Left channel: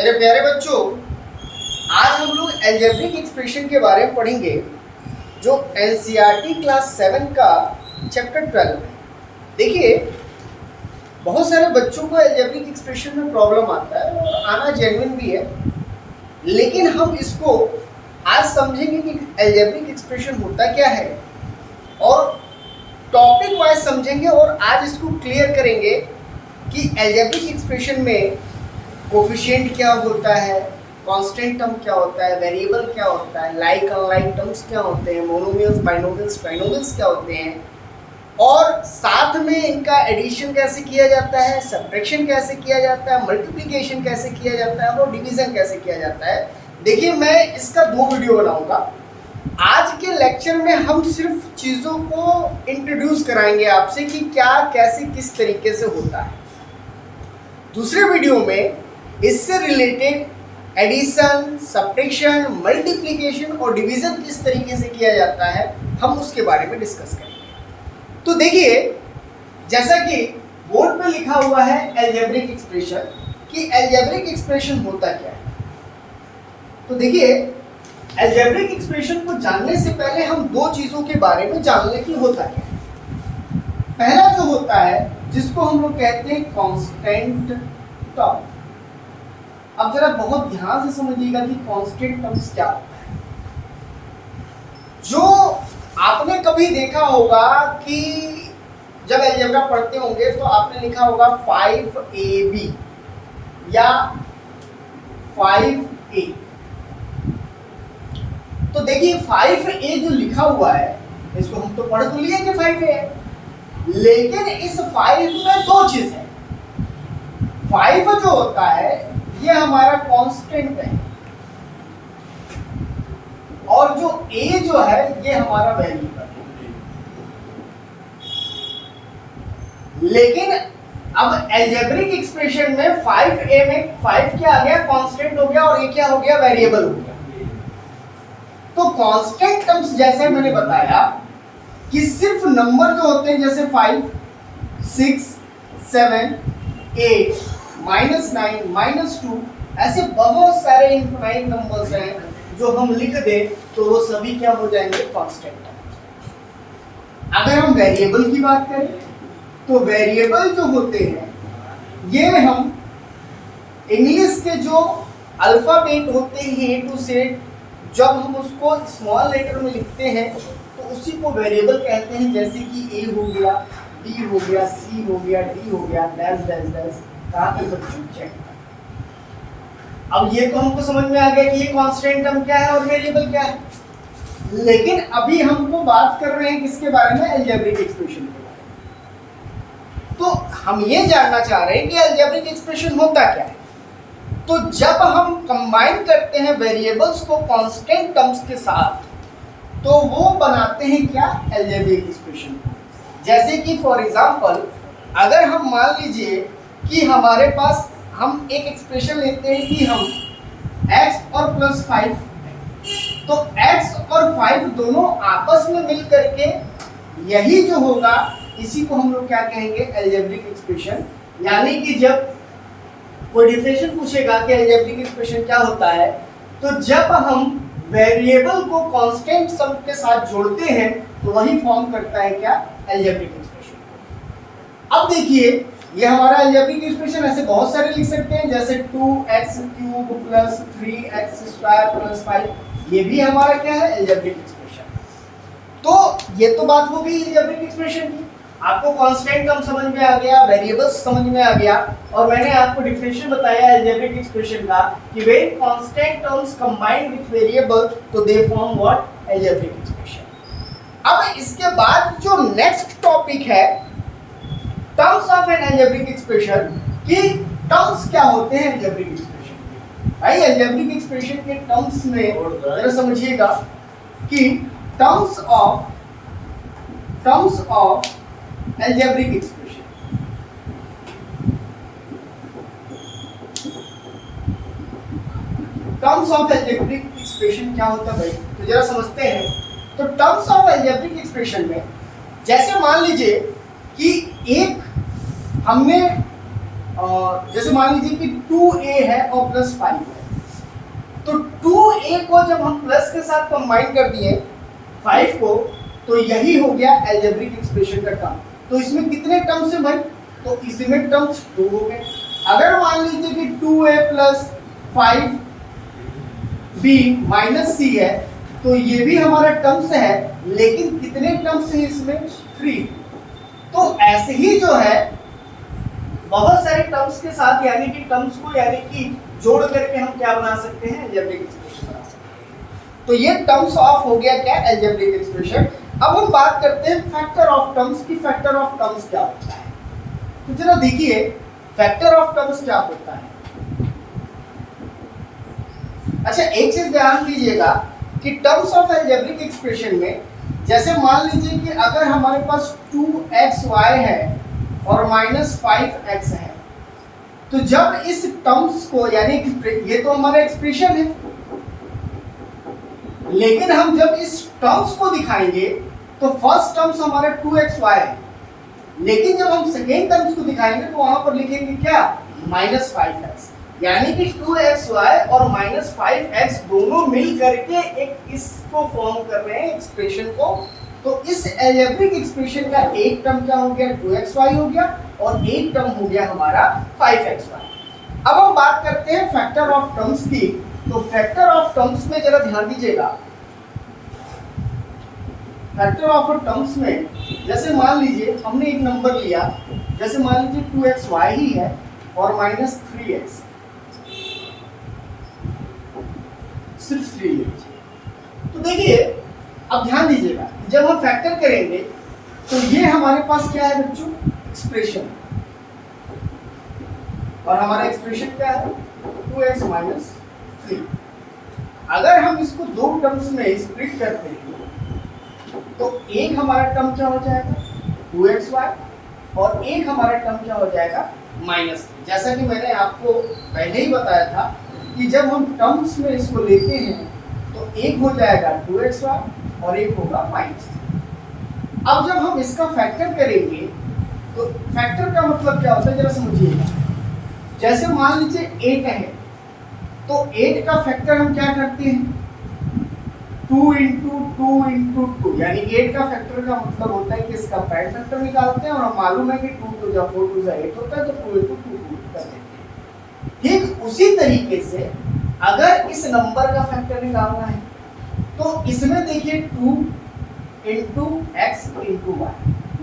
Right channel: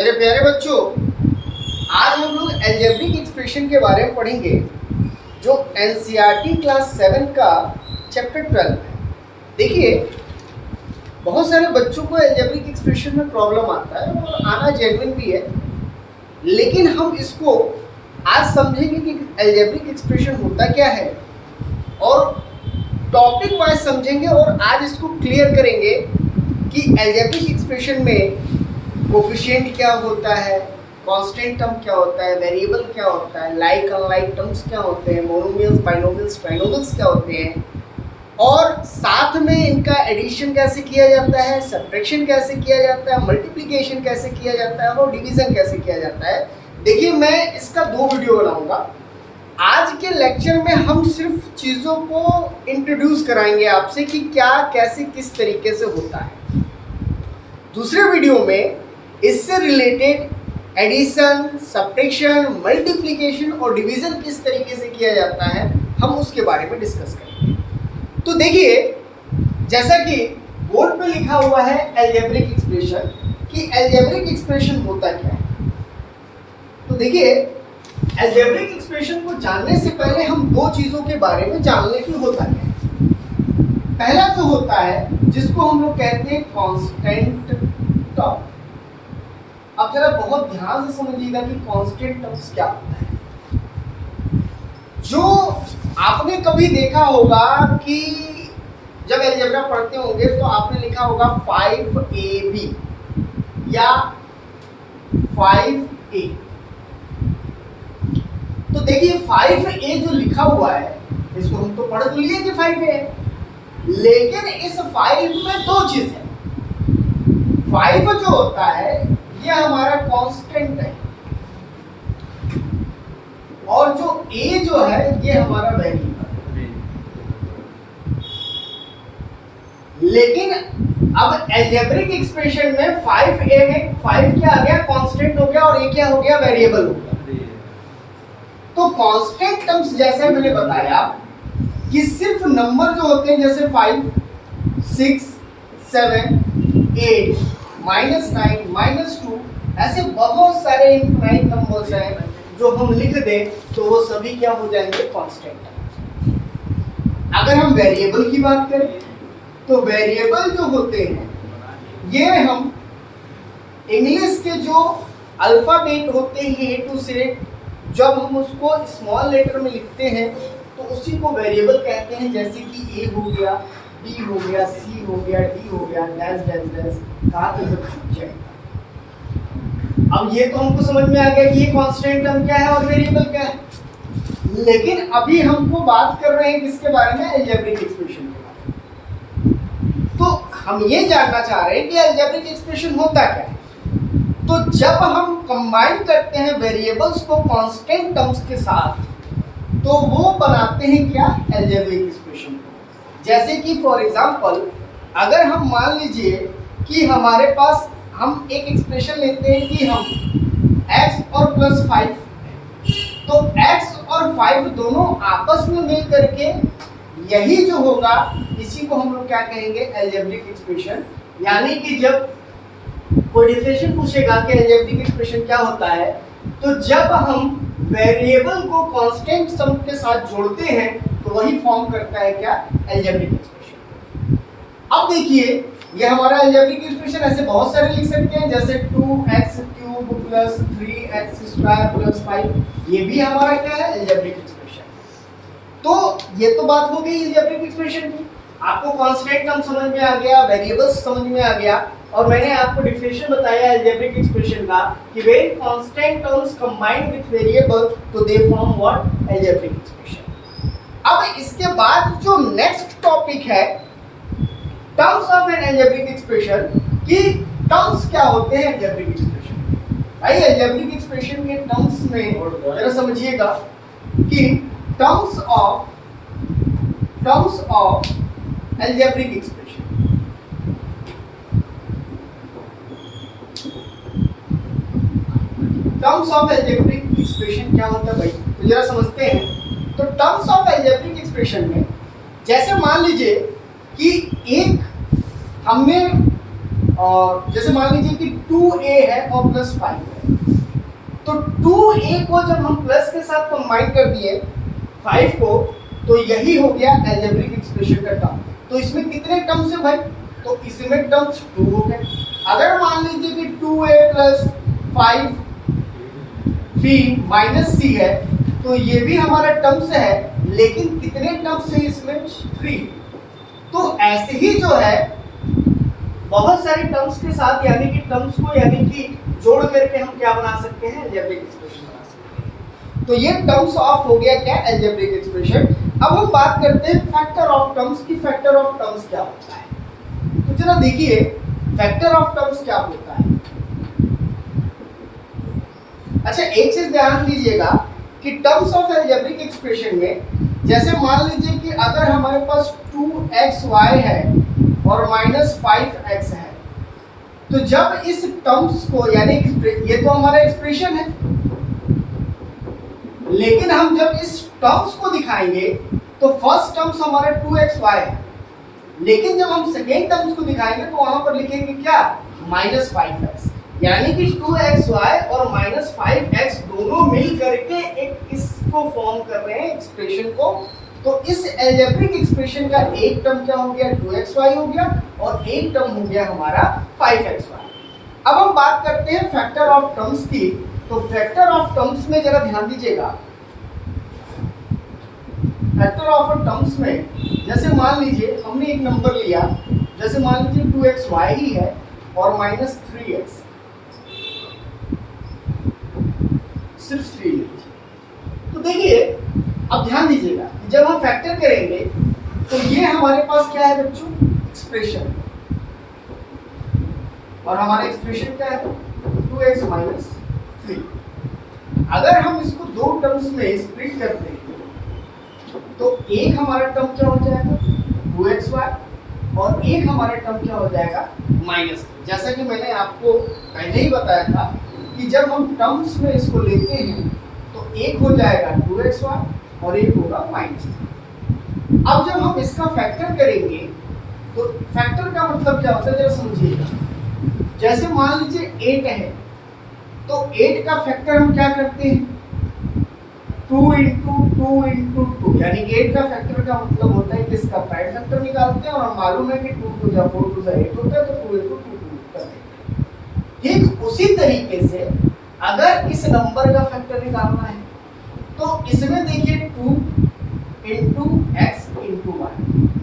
मेरे प्यारे बच्चों, आज हम लोग अलजेब्रिक एक्सप्रेशन के बारे में पढ़ेंगे जो एनसीईआरटी क्लास 7 का चैप्टर 12 है। देखिए, बहुत सारे बच्चों को अलजेब्रिक एक्सप्रेशन में प्रॉब्लम आता है और आना जेन्युइन भी है, लेकिन हम इसको आज समझेंगे कि अलजेब्रिक एक्सप्रेशन होता क्या है और टॉपिक वाइज समझेंगे और आज इसको क्लियर करेंगे कि अलजेब्रिक एक्सप्रेशन में कोफिशिएंट क्या होता है, कांस्टेंट टर्म क्या होता है, वेरिएबल क्या होता है, लाइक अनलाइक टर्म्स क्या होते हैं, मोनोमियल्स, बाइनोमियल्स, ट्राइनोमियल्स क्या होते हैं और साथ में इनका एडिशन कैसे किया जाता है, सब्ट्रैक्शन कैसे किया जाता है, मल्टीप्लिकेशन कैसे किया जाता है और डिवीजन कैसे किया जाता है। देखिए, मैं इसका 2 वीडियो बनाऊंगा। आज के लेक्चर में हम सिर्फ चीज़ों को इंट्रोड्यूस कराएंगे आपसे कि क्या कैसे किस तरीके से होता है। दूसरे वीडियो में इससे रिलेटेड एडिशन, सब्ट्रैक्शन, मल्टीप्लिकेशन और डिवीज़न किस तरीके से किया जाता है हम उसके बारे में डिस्कस करेंगे। तो देखिए, जैसा कि बोर्ड पे लिखा हुआ है अलजेब्रिक एक्सप्रेशन, कि अलजेब्रिक एक्सप्रेशन होता क्या है। तो देखिए, अलजेब्रिक एक्सप्रेशन को जानने से पहले हम 2 चीज़ों के बारे में जान लें कि होता क्या है। पहला जो होता है जिसको हम लोग कहते हैं कांस्टेंट टर्म। अब जरा बहुत ध्यान से समझिएगा कि कांस्टेंट टर्म्स क्या होता है। जो आपने कभी देखा होगा कि जब अलजेब्रा पढ़ते होंगे तो आपने लिखा होगा 5ab या 5a। तो देखिए, 5a जो लिखा हुआ है इसको हम तो पढ़ तो लिए कि 5a, लेकिन इस 5 में 2 चीज है। 5 जो होता है ये हमारा कांस्टेंट है और जो a जो है ये हमारा वेरिएबल है। लेकिन अब अलजेब्रिक एक्सप्रेशन में 5a में 5 क्या आ गया, कांस्टेंट हो गया और a क्या हो गया, वेरिएबल हो गया। तो कांस्टेंट टर्म्स जैसे मैंने बताया कि सिर्फ नंबर जो होते हैं जैसे 5, 6, 7, 8, -9, -2, ऐसे बहुत सारे इनफाइनाइट नंबर्स हैं जो हम लिख दें तो वो सभी क्या हो जाएंगे, कांस्टेंट। अगर हम वेरिएबल की बात करें तो वेरिएबल जो होते हैं ये हम इंग्लिश के जो अल्फाबेट होते हैं A to Z, जब हम उसको स्मॉल लेटर में लिखते हैं तो उसी को वेरिएबल कहते हैं। जैसे कि A हो गया, D हो गया, C हो गया, D हो गया, डैश डैश डैश, कहाँ पे बच्चों चेक। अब ये तो हमको समझ में आ गया कि ये कांस्टेंट टर्म क्या है और वेरिएबल क्या है, लेकिन अभी हमको बात कर रहे हैं किसके बारे में, अलजेब्रिक एक्सप्रेशन के बारे में। तो हम ये जानना चाह रहे हैं कि अलजेब्रिक एक्सप्रेशन होता क्या है। तो जब हम कंबाइन करते हैं वेरिएबल्स को कांस्टेंट टर्म्स के साथ तो वो बनाते हैं क्या, अलजेब्रिक एक्सप्रेशन को। जैसे कि फॉर एग्जांपल, अगर हम मान लीजिए कि हमारे पास हम एक एक्सप्रेशन लेते हैं कि हम x और +5, तो x और 5 दोनों आपस में मिल करके यही जो होगा इसी को हम लोग क्या कहेंगे, अलजेब्रिक एक्सप्रेशन। यानी कि जब कोई डिफरेंशियल पूछेगा कि अलजेब्रिक एक्सप्रेशन क्या होता है, तो जब हम वेरिएबल को कांस्टेंट सम के साथ जोड़ते हैं तो वही फॉर्म करता है क्या, अलजेब्रिक एक्सप्रेशन। अब देखिए, ये हमारा अलजेब्रिक एक्सप्रेशन ऐसे बहुत सारे लिख सकते हैं, जैसे 2x³ + 3x² + 5, ये भी हमारा क्या है, अलजेब्रिक एक्सप्रेशन। तो ये तो बात हो गई अलजेब्रिक एक्सप्रेशन की। आपको कांस्टेंट टर्म समझ में आ गया, वेरिएबल्स समझ में आ गया, और मैंने आपको डिफिनेशन बताया अलजेब्रिक एक्सप्रेशन का कि when constant terms combined with variable तो they form what, algebraic expression. अब इसके बाद जो नेक्स्ट टॉपिक है terms of an algebraic expression, कि टर्म्स क्या होते हैं अलजेब्रिक एक्सप्रेशन। भाई, अलजेब्रिक एक्सप्रेशन के टर्म्स में जरा समझिएगा कि terms of algebraic expression, terms of algebraic expression क्या होता है भाई, तो जरा समझते हैं। तो टर्म्स ऑफ अलजेब्रिक एक्सप्रेशन में जैसे मान लीजिए कि एक हमने और जैसे मान लीजिए कि 2a है और प्लस 5 है, तो 2a को जब हम प्लस के साथ कंबाइन कर दिए 5 को, तो यही हो गया अलजेब्रिक एक्सप्रेशन का टर्म। तो इसमें कितने टर्म्स है भाई? तो इसमें टर्म्स 2 हो गए। अगर मान लीजिए कि 2a plus 5b minus c है, तो ये भी हमारा टर्म्स है, लेकिन कितने टर्म्स है इसमें? 3। तो ऐसे ही जो है बहुत सारे टर्म्स के साथ, यानी कि टर्म्स को यानी कि जोड़ करके हम क्या बना सकते हैं? अलजेब्रिक एक्सप्रेशन बना सकते हैं। तो ये टर्म्स ऑफ हो गया क्या? Algebraic expression. अब हम बात करते हैं फैक्टर ऑफ टर्म्स की। फैक्टर ऑफ टर्म्स क्या होता है? तो चलो देखिए फैक्टर ऑफ टर्म्स क्या होता है। अच्छा, एक चीज ध्यान दीजिएगा कि टर्म्स ऑफ अलजेब्रिक एक्सप्रेशन में, जैसे मान लीजिए कि अगर हमारे पास 2xy है और माइनस 5x है, तो जब इस टर्म्स को, यानी ये तो हमारा एक्सप्रेशन है, लेकिन हम जब इस टर्म्स को दिखाएंगे तो फर्स्ट टर्म्स हमारा 2xy है, लेकिन जब हम सेकेंड टर्म्स को दिखाएंगे तो वहां पर लिखेंगे क्या? Minus 5x। यानी कि 2xy और माइनस 5x दोनों मिल करके एक इसको फॉर्म कर रहे हैं एक्सप्रेशन को। तो इस अलजेब्रिक एक्सप्रेशन का एक टर्म क्या हो गया? 2xy हो गया, और एक टर्म हो गया हमारा 5xy। अब हम बात करते हैं फैक्टर ऑफ टर्म्स की। तो फैक्टर ऑफ टर्म्स में जरा ध्यान दीजिएगा। फैक्टर ऑफ टर्म्स में जैसे मान लीजिए हमने एक नंबर लिया, जैसे मान लीजिए 2xy ही है और माइनस 3x, सिर्फ 3 लीजिए। तो देखिए अब ध्यान दीजिएगा, जब हम फैक्टर करेंगे तो ये हमारे पास क्या है बच्चों? एक्सप्रेशन। और हमारा एक्सप्रेशन क्या है? 2x minus 3। अगर हम इसको दो टर्म्स में स्प्लिट करते हैं तो एक हमारा टर्म क्या हो जाएगा? 2xy, और एक हमारा टर्म क्या हो जाएगा? माइनस 3। जैसा कि मैंने आपको पहले ही बताया था कि जब हम टर्म्स में इसको लेते हैं तो एक हो जाएगा 2xy और एक होगा माइनस 3। अब जब हम इसका फैक्टर करेंगे तो फैक्टर का मतलब क्या होता है जरा समझिएगा। जैसे मान लीजिए 8 है, तो 8 का फैक्टर हम क्या करते हैं? 2 इंटू 2 इंटू 2, यानी 8 का फैक्टर का मतलब होता है कि इसका प्राइम फैक्टर निकालते हैं, और हम मालूम है कि 2 2 जा 4 2 जा 8 होता है, तो 2 इंटू 2 कर देते हैं। ठीक उसी तरीके से अगर इस नंबर का फैक्टर निकालना है तो इसमें देखिए 2 इंटू एक्स इंटू वाई,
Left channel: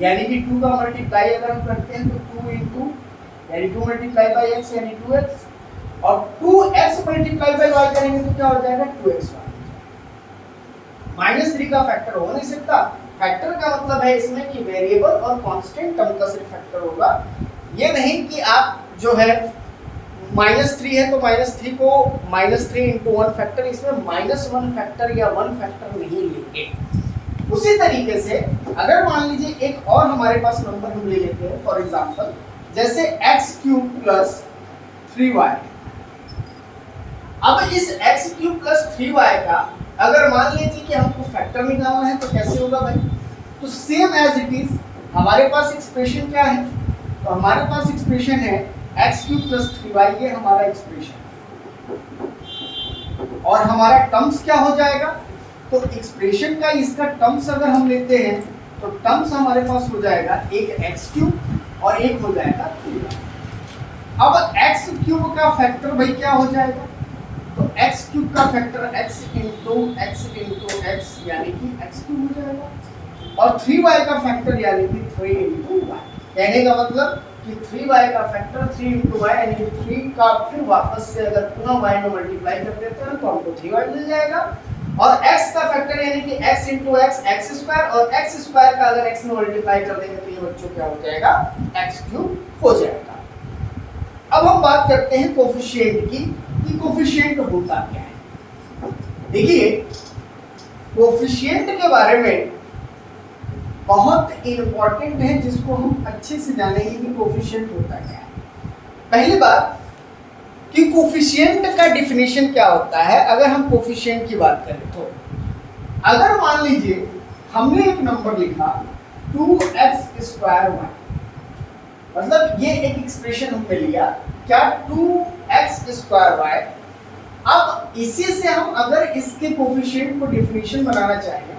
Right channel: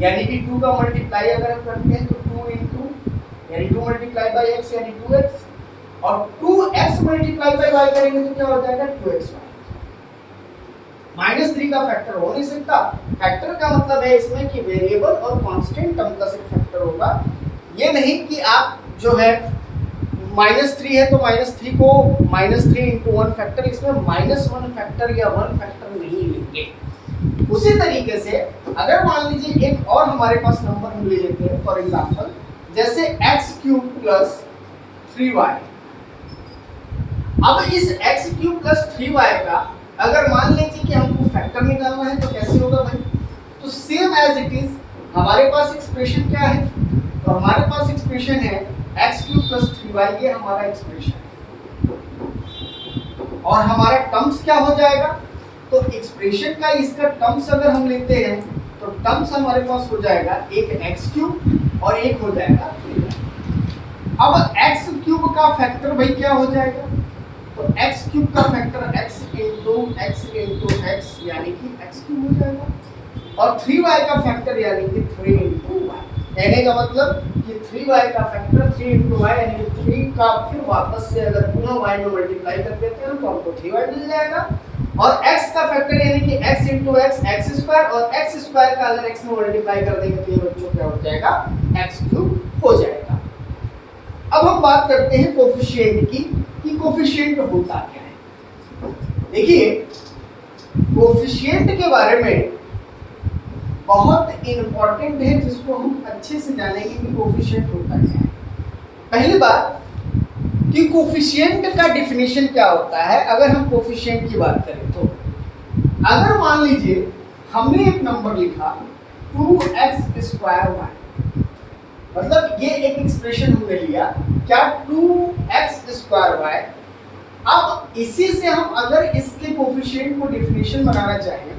यानी कि 2 का मल्टीप्लाई अगर हम करते हैं तो 2 इंटू यानी 2 मल्टीप्लाई बाई एक्स यानी 2x, और 2x मल्टीप्लाई बाई वाई करेंगे तो क्या हो जाएगा? 2xy। माइनस 3 का फैक्टर हो नहीं सकता। फैक्टर का मतलब है इसमें कि वेरिएबल और कांस्टेंट टर्म का सिर्फ फैक्टर होगा। ये नहीं कि आप जो है -3 है तो -3 को -3 इंटू 1 फैक्टर, इसमें -1 फैक्टर या 1 फैक्टर नहीं लेंगे। उसी तरीके से अगर मान लीजिए एक और हमारे पास नंबर हम ले लेते हैं, फॉर एग्जांपल जैसे x³ प्लस 3y। अब इस x³ प्लस 3y का अगर मान लीजिए कि हमको फैक्टर निकालना है तो कैसे होगा भाई? तो सेम एज इट इज हमारे पास एक्सप्रेशन क्या है? तो हमारे पास एक्सप्रेशन है x³ प्लस 3y, ये हमारा एक्सप्रेशन है। और हमारा टर्म्स क्या हो जाएगा? तो एक्सप्रेशन का इसका टर्म्स अगर हम लेते हैं तो टर्म्स हमारे पास हो जाएगा एक x³ और एक हो जाएगा 3y। अब x³ का फैक्टर भाई क्या हो जाएगा? तो x³ का फैक्टर x इंटू x यानी कि x³ हो जाएगा, और 3y का फैक्टर यानी कि 3 इंटू y। कहने का मतलब कि 3y का फैक्टर 3 इंटू y, यानी कि 3 का फिर वापस से अगर पुनः y में मल्टीप्लाई कर देते हैं तो हमको 3y मिल जाएगा, और x का फैक्टर यानी कि x इंटू x² और x² का अगर x में मल्टीप्लाई कर देंगे तो ये बच्चों क्या हो जाएगा? x³ हो जाएगा। अब हम बात करते हैं कोफिशिएंट की, कि कोफिशिएंट होता क्या है। देखिए कोफिशिएंट के बारे में बहुत इंपॉर्टेंट है, जिसको हम अच्छे से जानेंगे कि कोफिशिएंट होता क्या है। पहली बात कि कोफिशिएंट का डिफिनेशन क्या होता है। अगर हम कोफिशिएंट की बात करें तो अगर मान लीजिए हमने एक नंबर लिखा 2x² y, मतलब ये एक एक्सप्रेशन हमने लिया क्या 2x²y। अब इसी से हम अगर इसके कोफिशिएंट को डिफिनेशन बनाना चाहें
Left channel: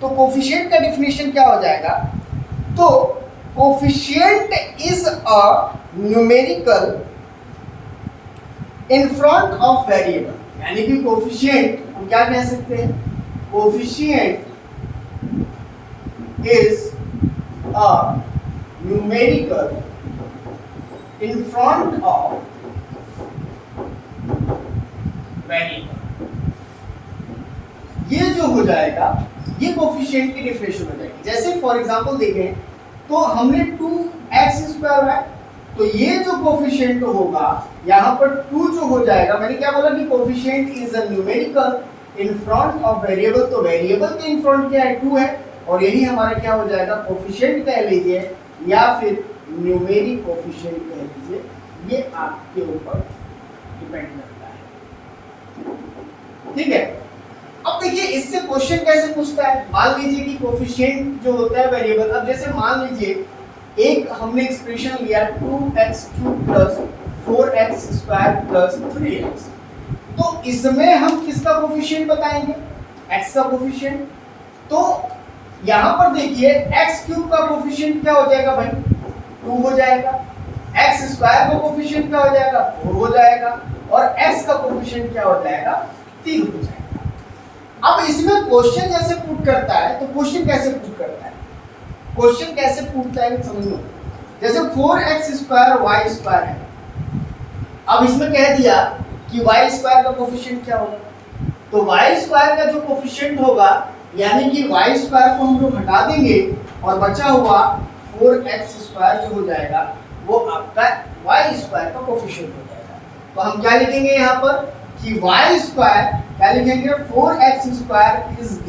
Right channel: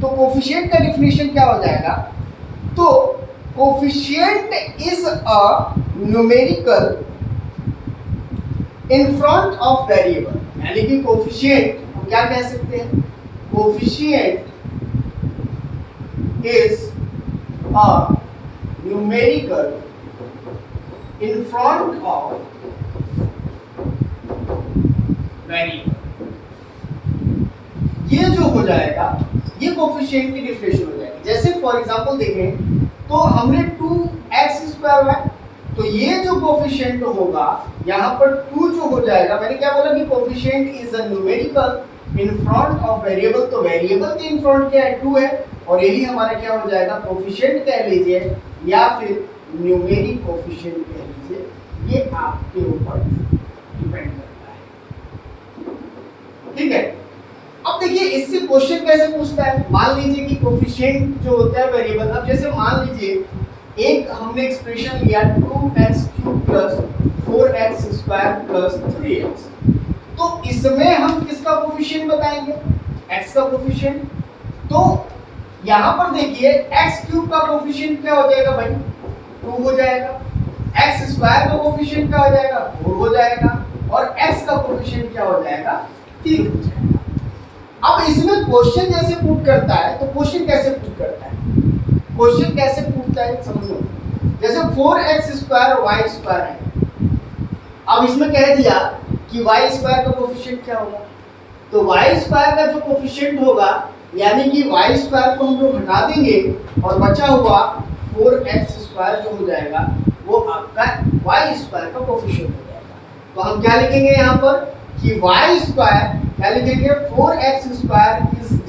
तो कोफिशिएंट का डिफिनेशन क्या हो जाएगा, तो coefficient is a numerical in front of variable, यानी कि कोफिशिएंट हम क्या कह सकते हैं, coefficient is a numerical in front of variable. ये जो हो जाएगा ये कोफिशिएंट की डिफिनेशन हो जाएगी। जैसे फॉर एग्जांपल देखें तो हमने 2x²y, तो ये जो कोफिशिएंट होगा यहाँ पर 2 जो हो जाएगा, मैंने क्या बोला कि coefficient is a numerical in front of variable, तो वेरिएबल के इन फ्रंट क्या है 2 है, और यही हमारा क्या हो जाएगा कोफिशिएंट कह लीजिए या फिर न्यूमेरिक कोफिशिएंट कह लीजिए, ये आपके ऊपर डिपेंड करता है। ठीक है, अब देखिए इससे क्वेश्चन कैसे पूछता है। मान लीजिए कि कोफिशिएंट जो होता है वेरिएबल, अब जैसे मान लीजिए एक हमने एक्सप्रेशन लिया 2x³ + 4x² + 3x, तो इसमें हम किसका कोफिशिएंट बताएंगे, x का कोफिशिएंट। तो यहाँ पर देखिए x³ का कोफिशिएंट क्या हो जाएगा भाई 2 हो जाएगा, x² का कोफिशिएंट क्या हो जाएगा 4 हो जाएगा, और x का कोफिशिएंट क्या हो जाएगा 3 हो जाएगा। अब इसमें क्वेश्चन जैसे पुट करता है, तो क्वेश्चन कैसे पुट करता है, क्वेश्चन कैसे पूछता है समझो। जैसे 4x² y² है, अब इसमें कह दिया कि y² का कोफिशिएंट क्या होगा, तो y² का जो कोफिशिएंट होगा यानी कि y² को हम लोग हटा देंगे और बचा हुआ 4x² जो हो जाएगा वो आपका y² का कोफिशिएंट हो जाएगा। तो हम क्या लिखेंगे यहाँ पर कि y² क्या लिखेंगे 4x² is the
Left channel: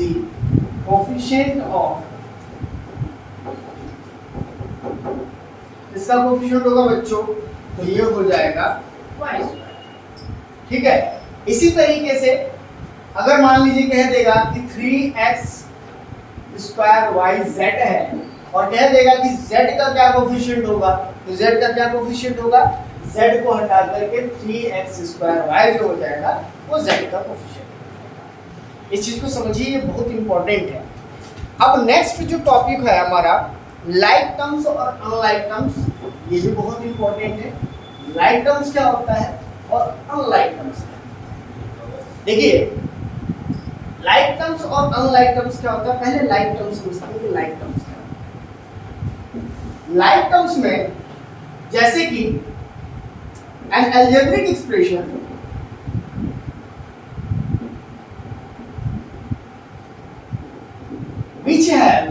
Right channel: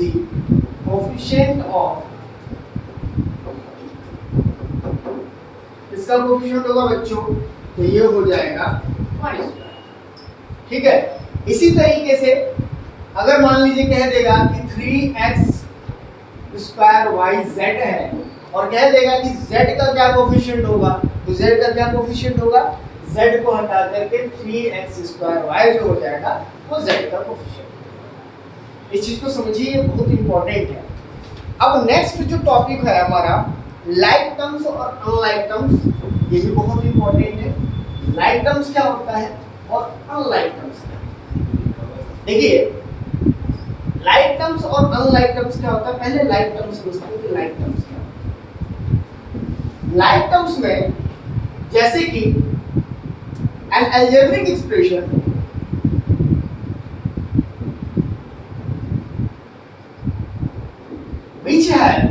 coefficient of, इसका कोफिशिएंट होगा बच्चों तो ये हो जाएगा y²। ठीक है, इसी तरीके से अगर मान लीजिए कह देगा कि 3x²yz है और कह देगा कि z का क्या कोफिशिएंट होगा, तो z का क्या कोफिशिएंट होगा, z को हटा करके 3x²y जो हो जाएगा वो z का कोफिशिएंट। इस चीज को समझिए, ये बहुत इंपॉर्टेंट है। अब नेक्स्ट जो टॉपिक है हमारा लाइक टर्म्स और अनलाइक टर्म्स, ये भी बहुत इंपॉर्टेंट है। लाइक टर्म्स क्या होता है और अनलाइक टर्म्स क्या है। देखिए लाइक टर्म्स और अनलाइक टर्म्स क्या होता है, पहले लाइक टर्म्स समझते हैं कि लाइक टर्म्स क्या होता है। लाइक टर्म्स में जैसे कि N algebraic expression which have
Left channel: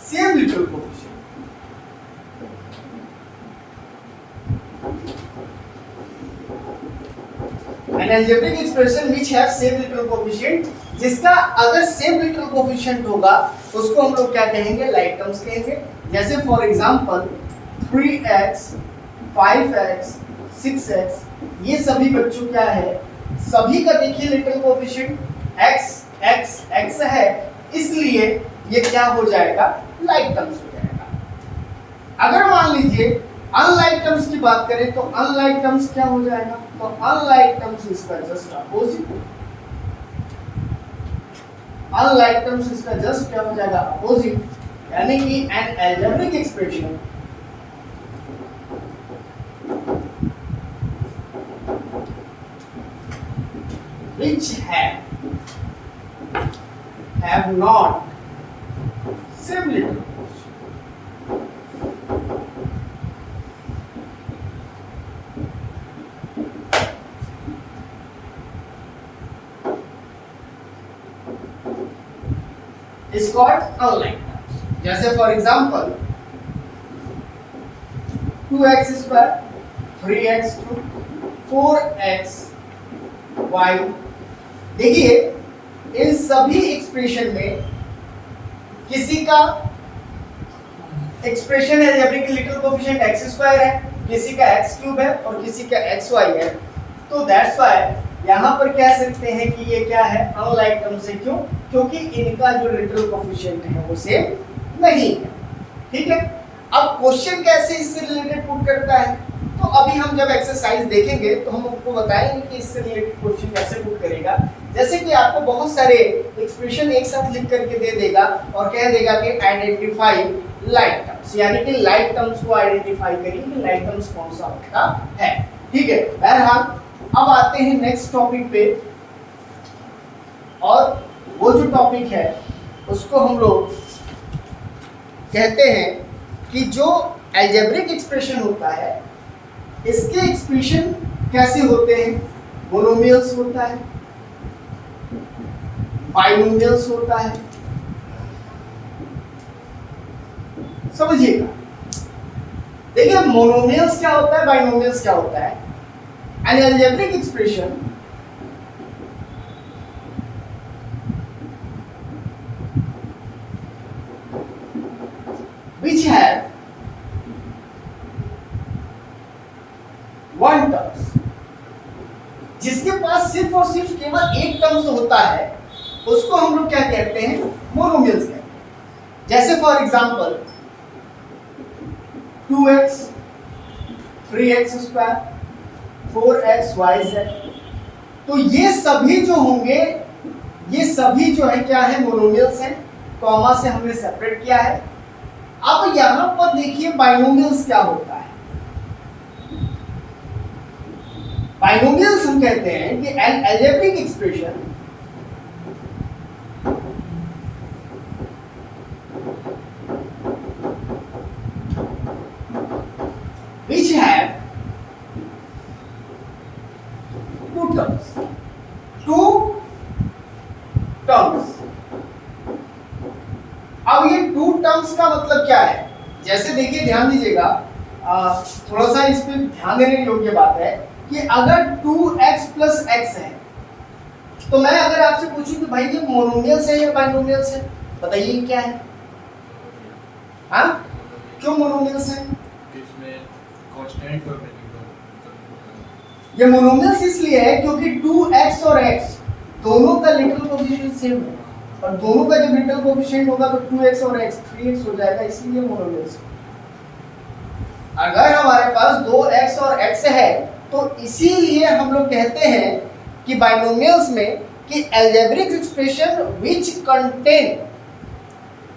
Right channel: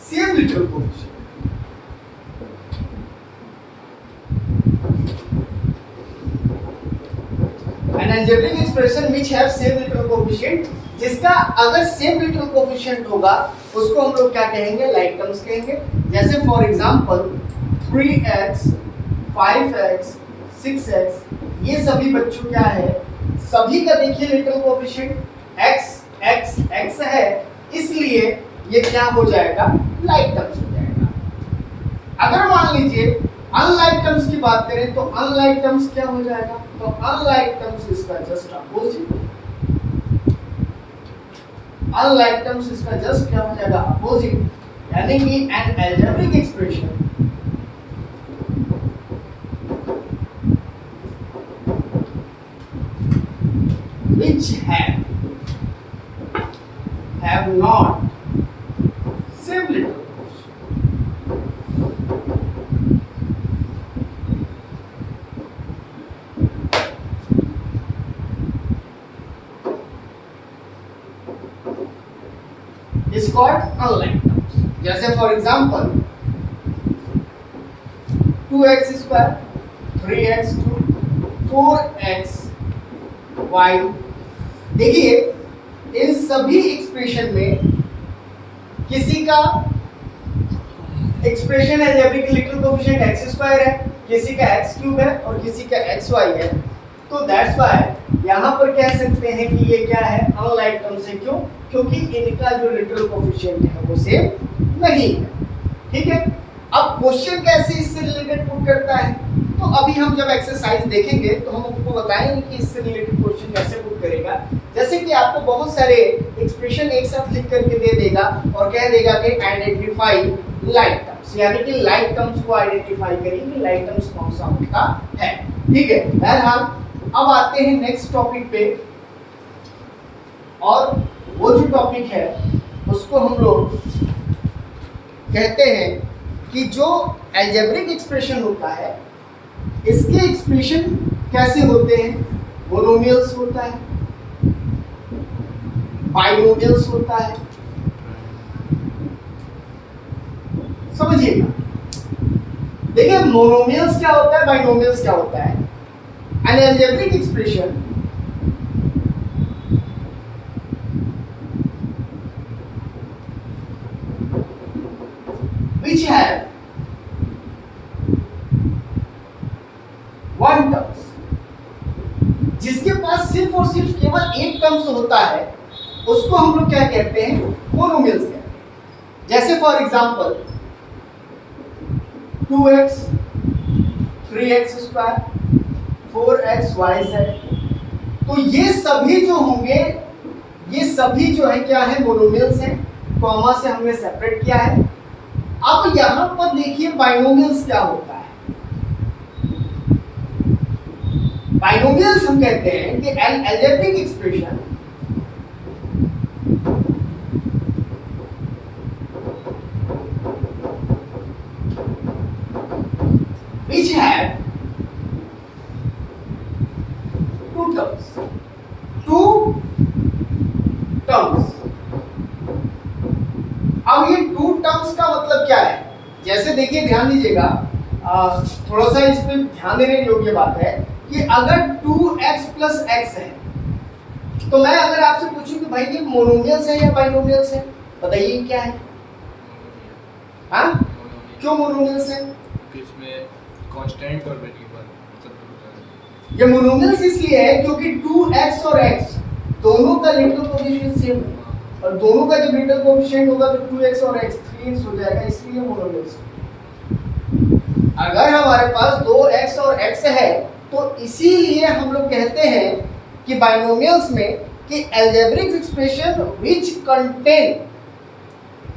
same literal coefficient, an algebraic expression which have same literal coefficient, जिसका अगर सेम लिटरल कोफिशिएंट होगा उसको हम लोग क्या कहेंगे, लाइक टर्म्स कहेंगे। जैसे for example 3x 5x 6x, ये सभी बच्चों क्या है, सभी का देखिए literal coefficient x x x है, इसलिए ये क्या हो जाएगा, लाइक टर्म्स हो जाएगा। अगर मान लीजिए अनलाइक टर्म्स की बात करें तो अनलाइक टर्म्स क्या हो जाएगा, तो अनलाइक टर्म्स इसका जस्ट अपोजिट, अनलाइक टर्म्स इसका जस्ट क्या हो जाएगा, अपोजिट, यानी कि N algebraic expression which have not same literal is called unlike terms. जैसे for example 2x², 3x², 4xy, देखिए इन सभी एक्सप्रेशन में किसी का एक्सप्रेशन है अलजेब्रिक लिटरल कोफिशिएंट x² है, किसी का x³ है और किसी का xy है, तो दैट्स व्हाई यहाँ पर कह सकते हैं कि ये क्या है, अनलाइक टर्म्स है। क्यों, क्योंकि इनका जो लिटरल कोफिशिएंट है वो सेम नहीं है। ठीक है। अब क्वेश्चन कैसे इससे रिलेटेड पुट करता है, तो अभी हम जब एक्सरसाइज देखेंगे तो हम आपको बताएंगे कि इससे रिलेटेड क्वेश्चन कैसे पुट करेगा। जैसे कि आपको बहुत सारे एक्सप्रेशन एक साथ लिख करके दे देगा और कह देगा कि आइडेंटिफाई लाइक टर्म्स, यानी कि लाइक टर्म्स को आइडेंटिफाई करिए कि लाइक टर्म्स कौन सा होता है। ठीक है, बहरहाल अब आते हैं नेक्स्ट टॉपिक पे, और वो जो टॉपिक है उसको हम लोग कहते हैं कि जो अलजेब्रिक एक्सप्रेशन होता है इसके एक्सप्रेशन कैसे होते हैं। मोनोमियल्स होता है, बाइनोमियल्स होता है, समझिएगा। देखिए मोनोमियल्स क्या होता है, बाइनोमियल्स क्या होता है। N algebraic expression which have one terms, जिसके पास सिर्फ और सिर्फ केवल एक टर्म्स होता है उसको हम लोग क्या कहते हैं, मोनोमियल्स कहते हैं। जैसे for example 2x 3x square 4xyz, तो ये सभी जो होंगे ये सभी जो है क्या है, मोनोमियल्स हैं। कॉमा से हमने सेपरेट किया है। अब यहां पर देखिए बाइनोमियल्स क्या होता है। बाइनोमियल्स हम कहते हैं कि N algebraic expression which have two terms। अब ये टू टर्म्स का मतलब क्या है, जैसे देखिए ध्यान दीजिएगा, थोड़ा सा इस पे ध्यान देने योग्य बात है कि अगर 2x प्लस x है तो मैं अगर आपसे पूछूं कि भाई ये मोनोमियल्स है या बाइनोमियल्स है, बताइए क्या है। हाँ, क्यों मोनोमियल्स है? इसमें कांस्टेंट और वेरिएबल, ये मोनोमियल्स इसलिए है क्योंकि 2x और x दोनों का लिटरल कोएफिशिएंट सेम है, और दोनों का जब लिटरल कोएफिशिएंट होगा तो 2x और x 3x हो जाएगा, इसलिए मोनोमियल्स। अगर हमारे पास 2x और x है तो इसीलिए हम लोग कहते हैं कि बाइनोमियल्स में कि algebraic expression which contain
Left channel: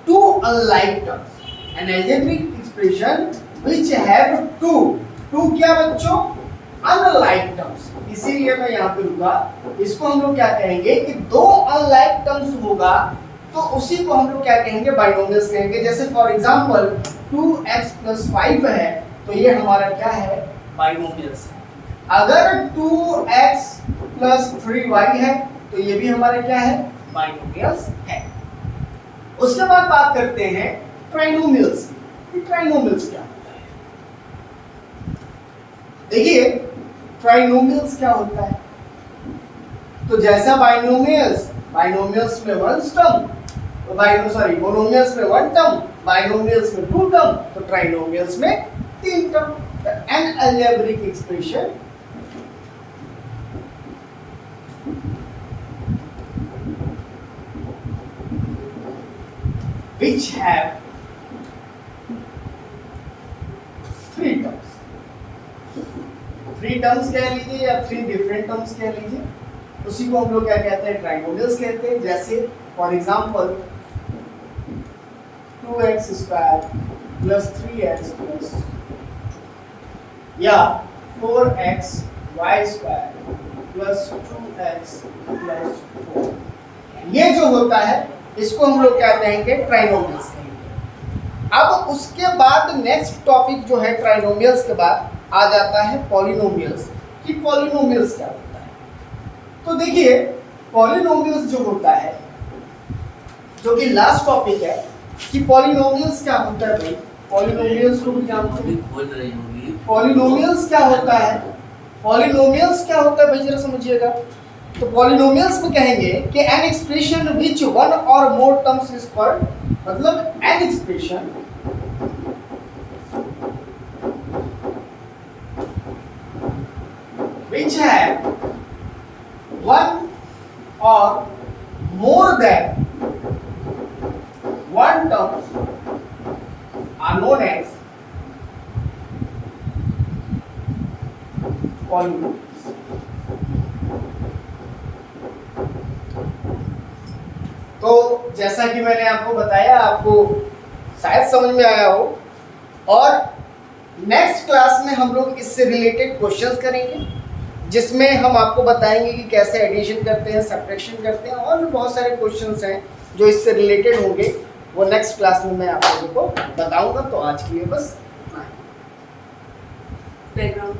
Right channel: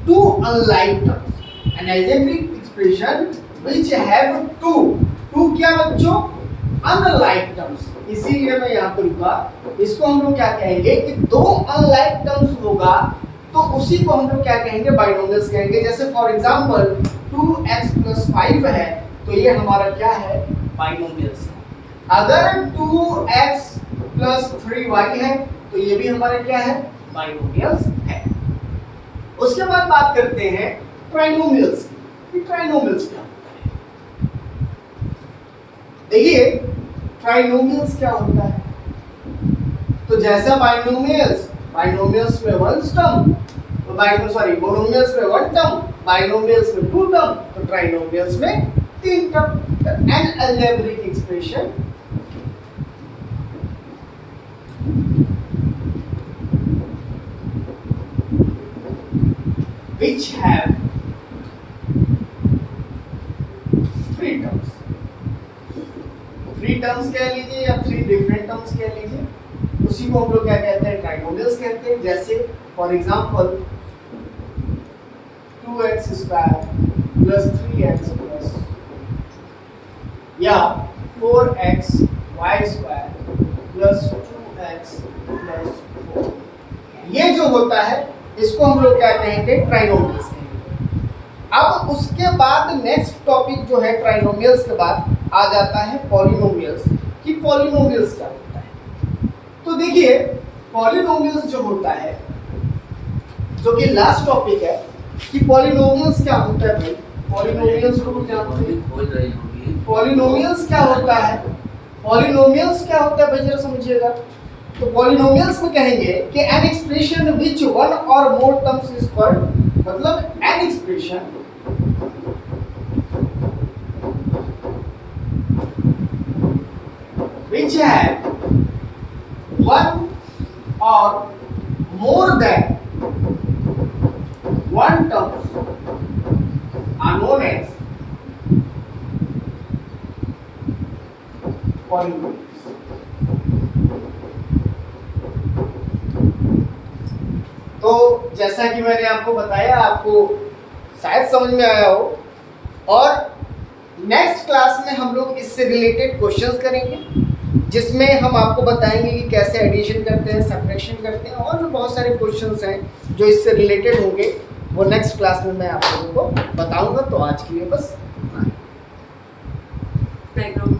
two unlike terms, an algebraic expression which have two क्या बच्चों, अनलाइक टर्म्स। इसीलिए मैं यहाँ पे रुका। इसको हम लोग क्या कहेंगे कि दो अनलाइक टर्म्स होगा तो उसी को हम लोग क्या कहेंगे, बाइनोमियल्स कहेंगे। जैसे फॉर एग्जांपल 2x प्लस 5 है तो ये हमारा क्या है, बाइनोमियल्स है। अगर 2x प्लस 3y है तो ये भी हमारा क्या है, बाइनोमियल्स है। उसके बाद बात करते हैं ट्राइनोमियल्स की। ट्राइनोमियल्स क्या होता है, देखिए ट्राइनोमियल्स क्या होता है। तो जैसा बाइनोमियल्स में वन टर्म, तो मोनोमियल्स में वन टर्म, बाइनोमियल्स में टू टर्म, तो ट्राइनोमियल्स में तीन term. N algebraic expression which have three terms कह लीजिए या थ्री डिफरेंट टर्म्स कह लीजिए, उसी को हम लोग क्या कहते हैं, ट्राइनोमियल्स कहते हैं। जैसे for example 2x square plus 3x plus या 4x y square plus 2x plus 4, ये जो होता है इसको हम लोग क्या कहेंगे, ट्राइनोमियल्स कहेंगे। अब उसके बाद नेक्स्ट टॉपिक जो है ट्राइनोमियल्स के बाद आ जाता है पॉलिनोमियल्स। कि पॉलिनोमियल्स क्या होता है, तो देखिए पॉलिनोमियल्स जो होता है, जो कि लास्ट टॉपिक है कि पॉलिनोमियल्स क्या होता है। भाई पॉलिनोमियल्स को भी जानते हैं, पॉलिनोमियल्स क्या होता है, पॉलिनोमियल्स क्या होता है भाई जरा समझिएगा। तो पॉलिनोमियल्स में कहेंगे कि एन एक्सप्रेशन विच वन और मोर टर्म्स इज कॉल्ड, मतलब an expression which have one or more than one terms are known as polygroups. तो जैसा कि मैंने आपको बताया, आपको शायद समझ में आया हो, और नेक्स्ट क्लास में हम लोग इससे रिलेटेड क्वेश्चंस करेंगे, जिसमें हम आपको बताएंगे कि कैसे एडिशन करते हैं, सब्ट्रैक्शन करते हैं, और भी बहुत सारे क्वेश्चंस हैं जो इससे रिलेटेड होंगे। वो नेक्स्ट क्लास में मैं आप लोगों को बताऊंगा। तो आज के लिए बस बैकग्राउंड